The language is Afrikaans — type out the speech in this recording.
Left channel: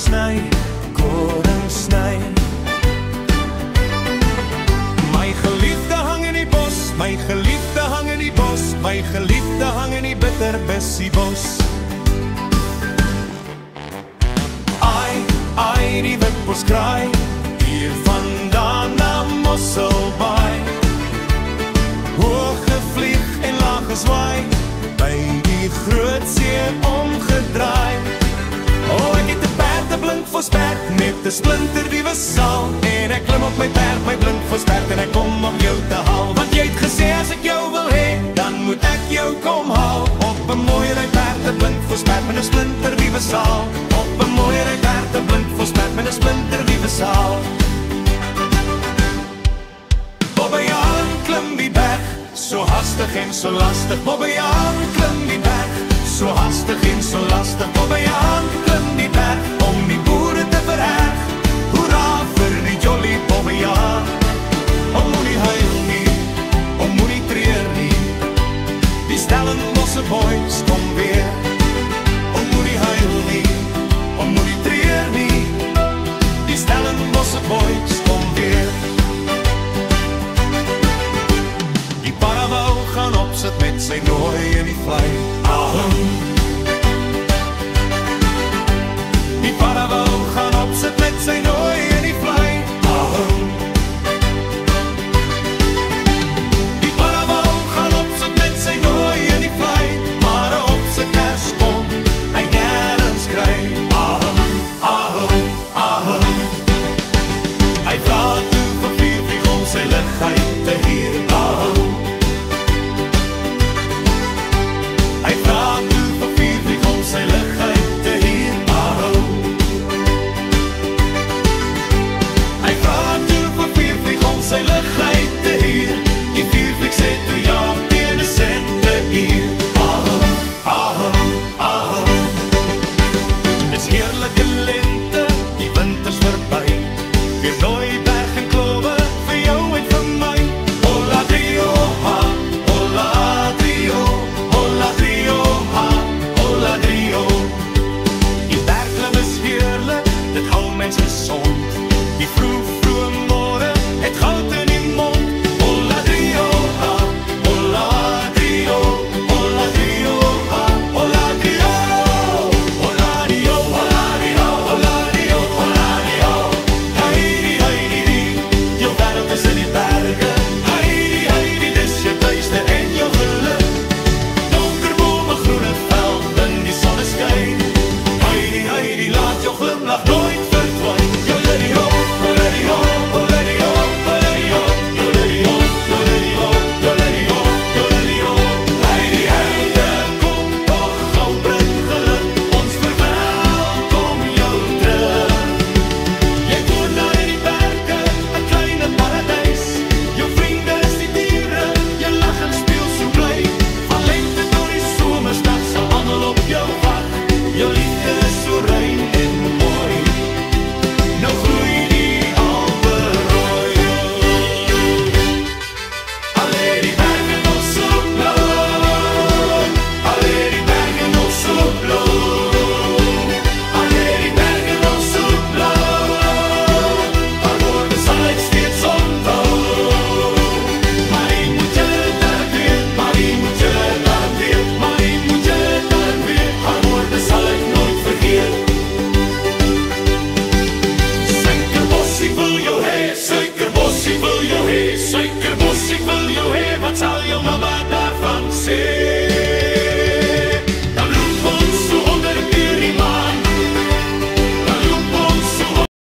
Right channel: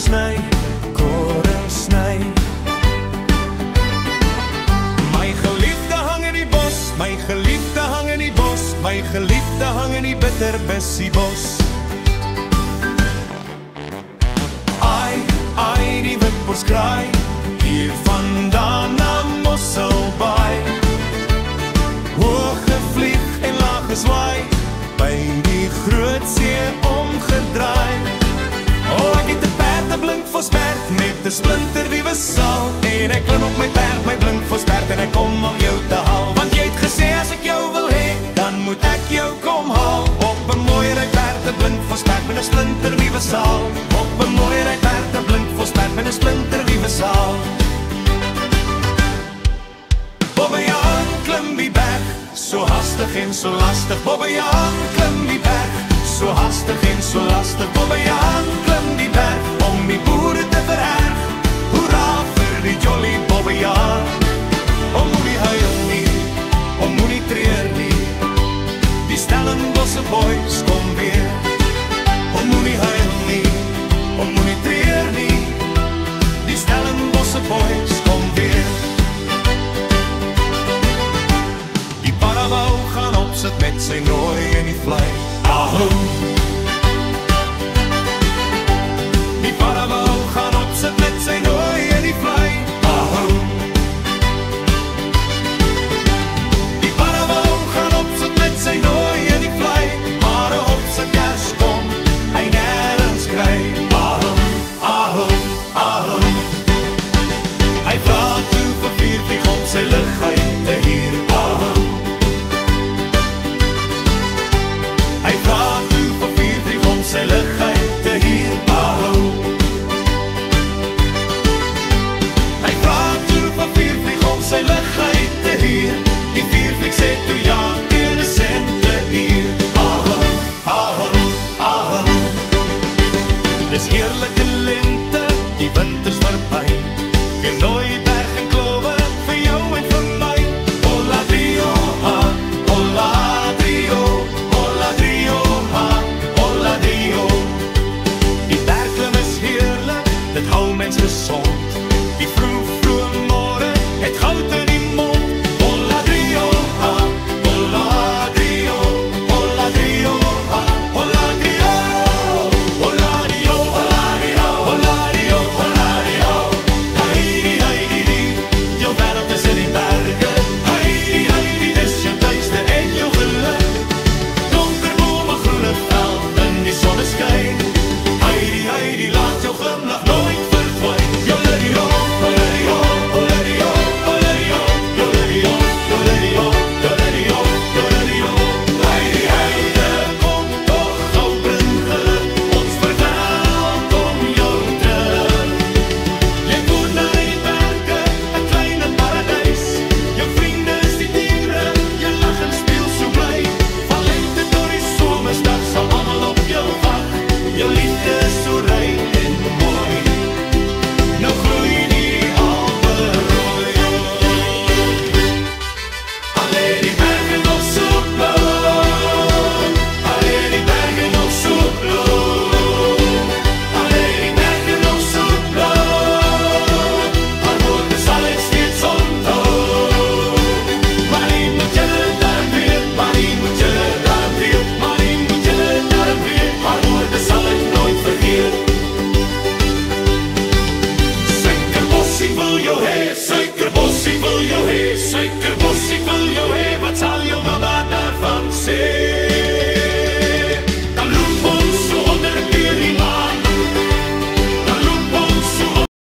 sny, koring sny. My geliefde hang in die bos, my geliefde hang in die bos, my geliefde hang in die bitterbessiebos. Ai, die witbos kraai, hier vandaan na Mosselbaai. Hoog gevlieg en laag geswaai, by die groot see omgedraai. O, ek het 'n perd, 'n blinkvosperd, met 'n splinternuwe saal. En ek klim op my perd, my blinkvosperd, en ek kom om jou te haal. Want jy het gesê as ek jou wil hê, dan moet ek jou kom haal. Op 'n mooi ryperd, 'n blinkvosperd, met 'n splinternuwe saal. Op 'n mooi ryperd, 'n blinkvosperd, met 'n splinternuwe saal. Bobbejaan klim die berg, so hastig en so lastig. Bobbejaan klim die berg, so hastig en so lastig. Bobbejaan klim die berg, om die boere te vererg. Hoera vir die jolly Bobbejaan. O moenie huil nie, o moenie treur nie, die Stellenbosse boys kom weer. O moenie huil nie, o moenie treur nie, die Stellenbosse boys kom weer. Die paravou gaan opsit met sy nooi in die vlei. Ahoo. Die paravou gaan opsit met sy nooi in die vlei. Ahoo. Die paravou gaan opsit met sy nooi in die vlei, maar op sy kers kom hy nêrens kry. Ahoo, ahoo, ahoo. Hy vra toe vir viervlieg om sy ligheid te hier. Ahoo. Hy vra toe vir viervlieg om sy ligheid te hier. Ahoo. Hy vra toe vir viervlieg om sy ligheid te hier. Die viervlieg sê toe ja, teen 'n senteuur. Ahoo, ahoo, ahoo. Dis heerlike lente, die winters verby. Weer nooi berg en klowe vir jou en vir my. Hola drio ha, hola drio, hola drio ha, hola drio. Die bergklim is heerlik, dit hou mens gesond. Die vroeg môre het goud in die mond. Hola drio ha, hola drio, hola drio ha, hola drio, hola drio, hola drio, hola drio, hola drio. Heidi, heidi, die, jou wêreld is in die berge. Heidi, heidi, dis jou tuiste en jou geluk. Donker bome, groene veld in die sonneskyn. Heidi, heidi, laat jou glimlach nooit verdwyn. Joledio, joledio, joledio, joledio, joledio, joledio, joledio, joledio. Heidi, heidi, kom toch gauw, bring geluk, ons verwelkom jou terug. Jy woon daar in die berge, 'n kleine paradys. Jou vriende is die diere, jy lag en speel so bly. Van lente tot die somersdag sal almal op jou wag. Jou liefde is so rein en mooi, nou gloei die Alpe rooi. Alle die berge nog so blauw, alle die berge nog so blauw, alle die berge nog so blauw, haar woorde sal ek steeds onthou. Maar die moet julle daarom weet, maar die moet julle daarom weet, maar die moet julle daarom weet, haar woorde sal ek nooit vergeet. Suikerbos, ek wil jou hê, suikerbos, ek wil jou hê, suikerbos, ek wil jou hê, wat sal jou mama daarvan sê?